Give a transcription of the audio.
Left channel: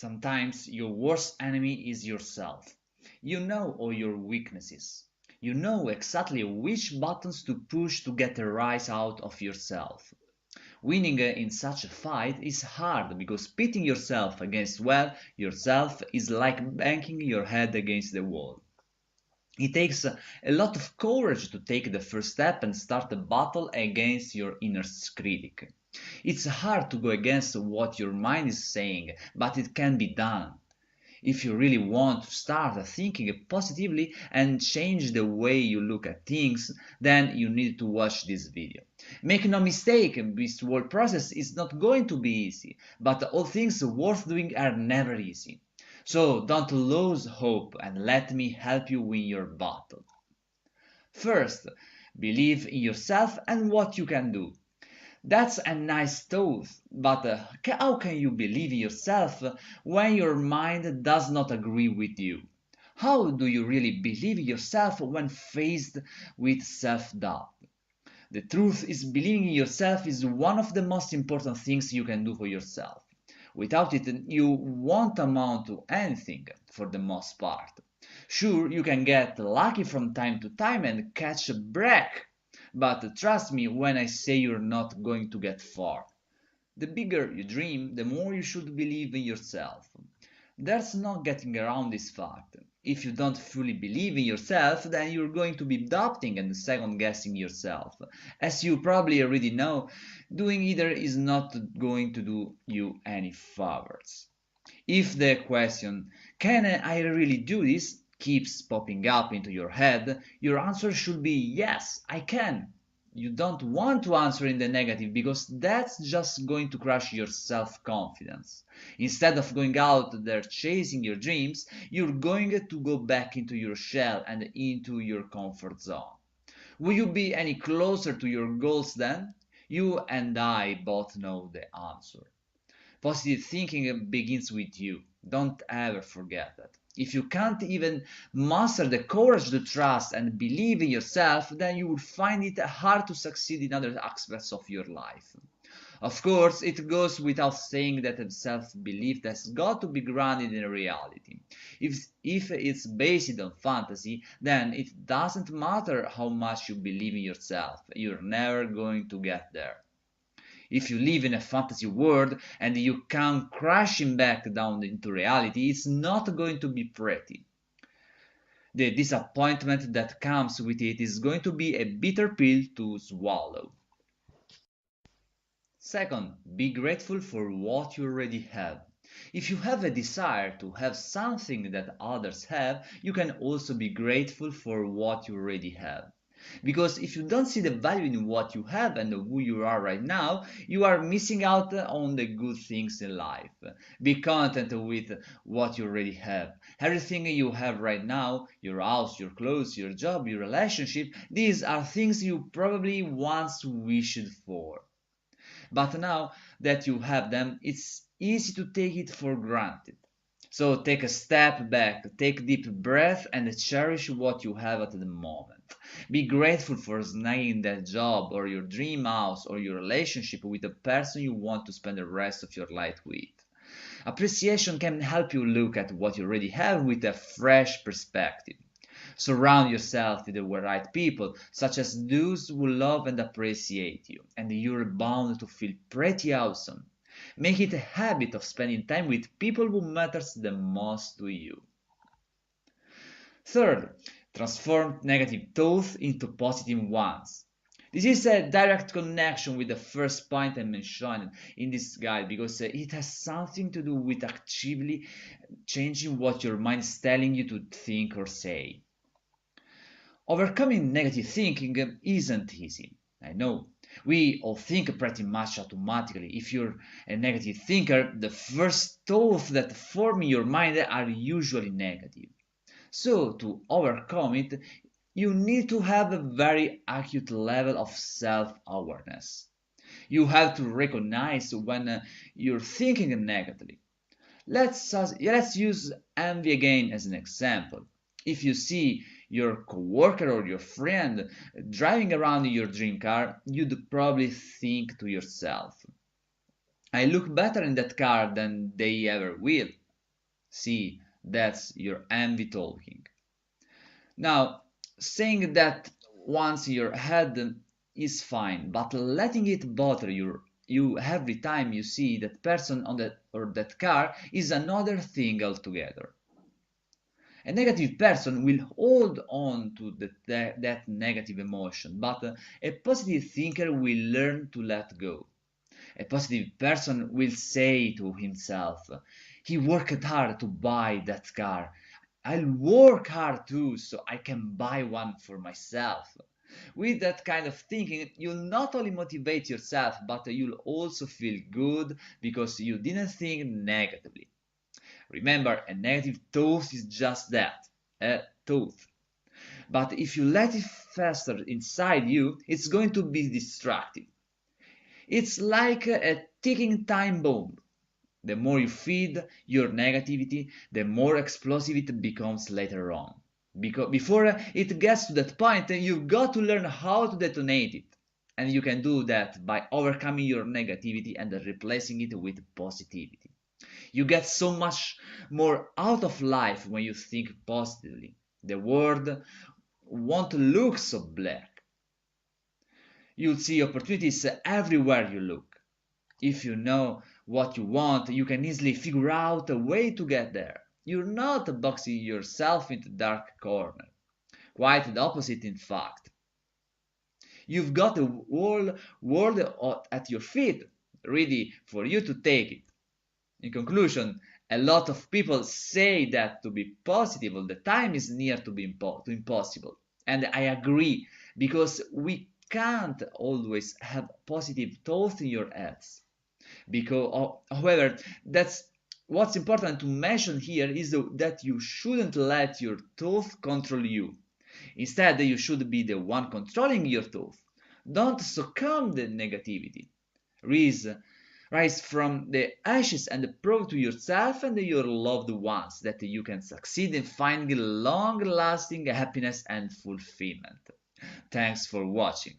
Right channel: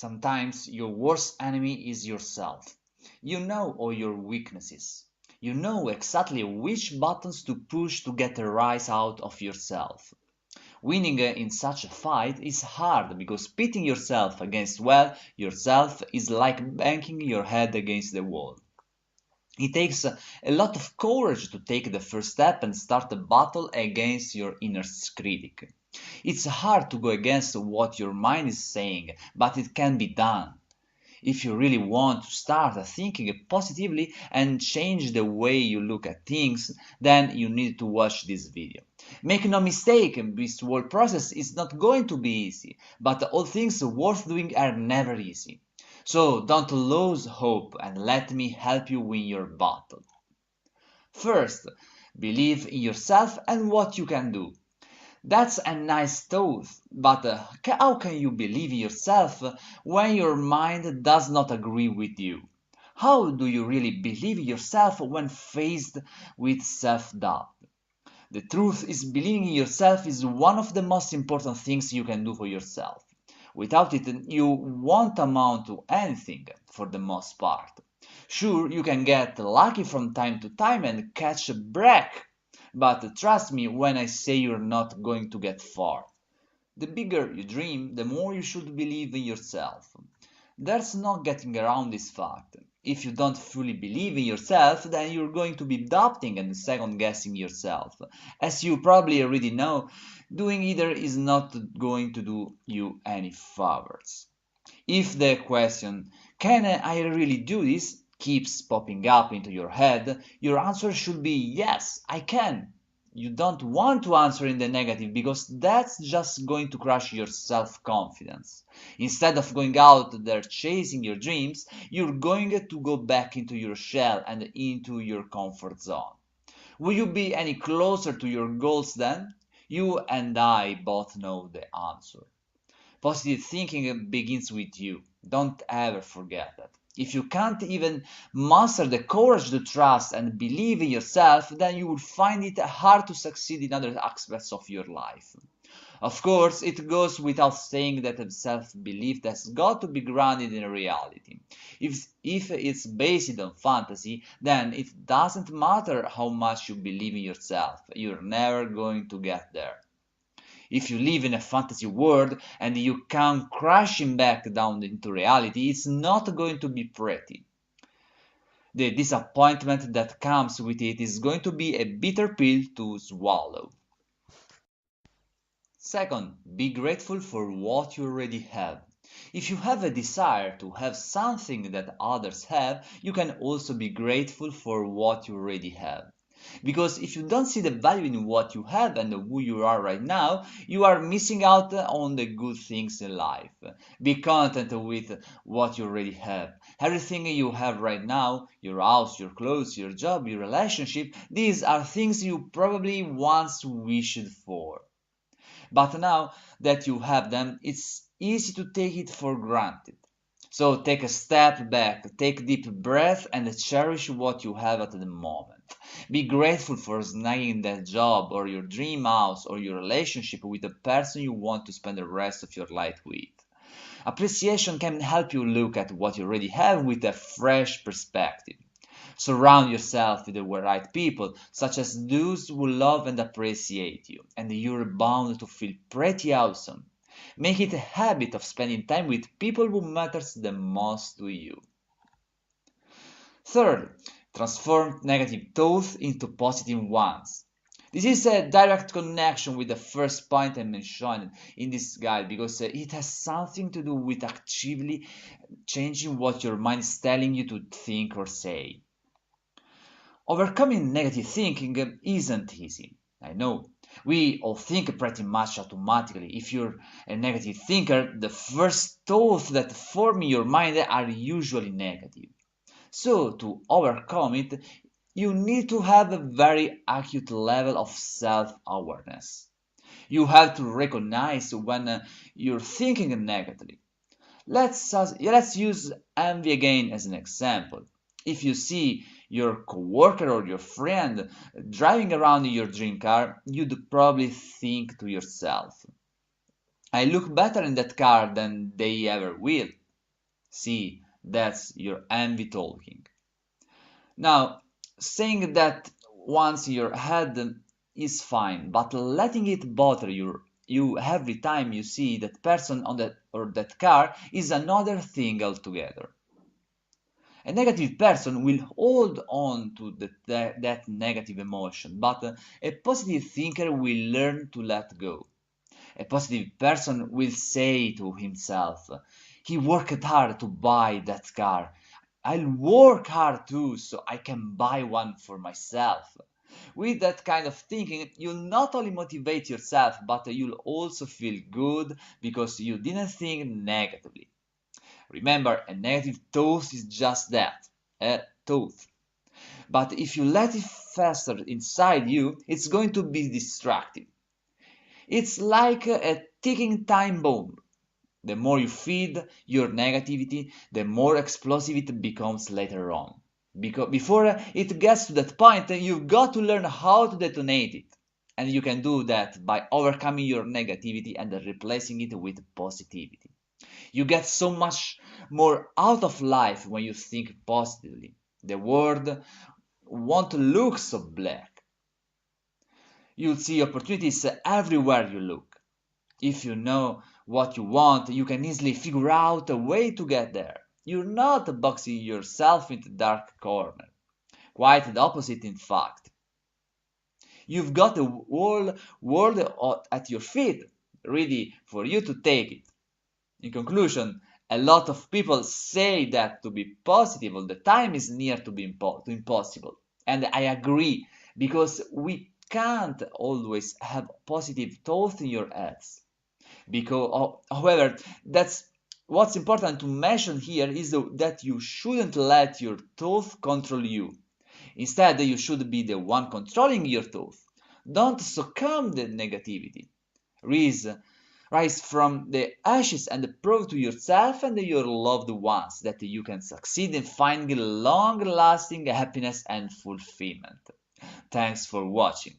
Sometimes your worst enemy is yourself. You know all your weaknesses. You know exactly which buttons to push to get a rise out of yourself. Winning in such a fight is hard because pitting yourself against, well, yourself is like banging your head against the wall. It takes a lot of courage to take the first step and start a battle against your inner critic. It's hard to go against what your mind is saying, but it can be done. If you really want to start thinking positively and change the way you look at things, then you need to watch this video. Make no mistake, this whole process is not going to be easy, but all things worth doing are never easy. So don't lose hope and let me help you win your battle. First, believe in yourself and what you can do. That's a nice thought, but how can you believe in yourself when your mind does not agree with you? How do you really believe in yourself when faced with self-doubt? The truth is, believing in yourself is one of the most important things you can do for yourself. Without it, you won't amount to anything, for the most part. Sure, you can get lucky from time to time and catch a break, but trust me when I say you're not going to get far. The bigger you dream, the more you should believe in yourself. There's no getting around this fact. If you don't fully believe in yourself, then you're going to be doubting and second-guessing yourself. As you probably already know, doing either is not going to do you any favors. If the question, can I really do this, keeps popping up into your head, your answer should be yes, I can. You don't want to answer in the negative because that's just going to crush your self-confidence. Instead of going out there chasing your dreams, you're going to go back into your shell and into your comfort zone. Will you be any closer to your goals then? You and I both know the answer. Positive thinking begins with you. Don't ever forget that. If you can't even muster the courage to trust and believe in yourself, then you will find it hard to succeed in other aspects of your life. Of course, it goes without saying that self-belief has got to be grounded in reality. If it's based on fantasy, then it doesn't matter how much you believe in yourself, you're never going to get there. If you live in a fantasy world and you come crashing back down into reality, it's not going to be pretty. The disappointment that comes with it is going to be a bitter pill to swallow. Second, be grateful for what you already have. If you have a desire to have something that others have, you can also be grateful for what you already have. Because if you don't see the value in what you have and who you are right now, you are missing out on the good things in life. Be content with what you already have. Everything you have right now, your house, your clothes, your job, your relationship, these are things you probably once wished for. But now that you have them, it's easy to take it for granted. So take a step back, take deep breath and cherish what you have at the moment. Be grateful for snagging that job or your dream house or your relationship with the person you want to spend the rest of your life with. Appreciation can help you look at what you already have with a fresh perspective. Surround yourself with the right people, such as those who love and appreciate you, and you're bound to feel pretty awesome. Make it a habit of spending time with people who matters the most to you. Third, transform negative thoughts into positive ones. This is a direct connection with the first point I mentioned in this guide because it has something to do with actively changing what your mind is telling you to think or say. Overcoming negative thinking isn't easy. I know. We all think pretty much automatically. If you're a negative thinker, the first thoughts that form in your mind are usually negative. So, to overcome it, you need to have a very acute level of self-awareness. You have to recognize when you're thinking negatively. Let's use envy again as an example. If you see your coworker or your friend driving around in your dream car, you'd probably think to yourself, I look better in that car than they ever will. See, that's your envy talking. Now, saying that once in your head is fine, but letting it bother you every time you see that person on that or that car is another thing altogether. A negative person will hold on to that negative emotion, but a positive thinker will learn to let go. A positive person will say to himself, he worked hard to buy that car. I'll work hard too so I can buy one for myself. With that kind of thinking, you'll not only motivate yourself, but you'll also feel good because you didn't think negatively. Remember, a negative thought is just that, a thought. But if you let it fester inside you, it's going to be destructive. It's like a ticking time bomb. The more you feed your negativity, the more explosive it becomes later on. Because before it gets to that point, you've got to learn how to detonate it. And you can do that by overcoming your negativity and replacing it with positivity. You get so much more out of life when you think positively. The world won't look so black. You'll see opportunities everywhere you look. If you know what you want, you can easily figure out a way to get there. You're not boxing yourself into a dark corner. Quite the opposite, in fact. You've got the whole world at your feet, ready for you to take it. In conclusion, a lot of people say that to be positive all the time is near to to impossible. And I agree, because we can't always have positive thoughts in your heads. However, that's what's important to mention here is that you shouldn't let your thoughts control you. Instead, you should be the one controlling your thoughts. Don't succumb to negativity. Rise, rise from the ashes and prove to yourself and your loved ones that you can succeed in finding long-lasting happiness and fulfillment. Thanks for watching.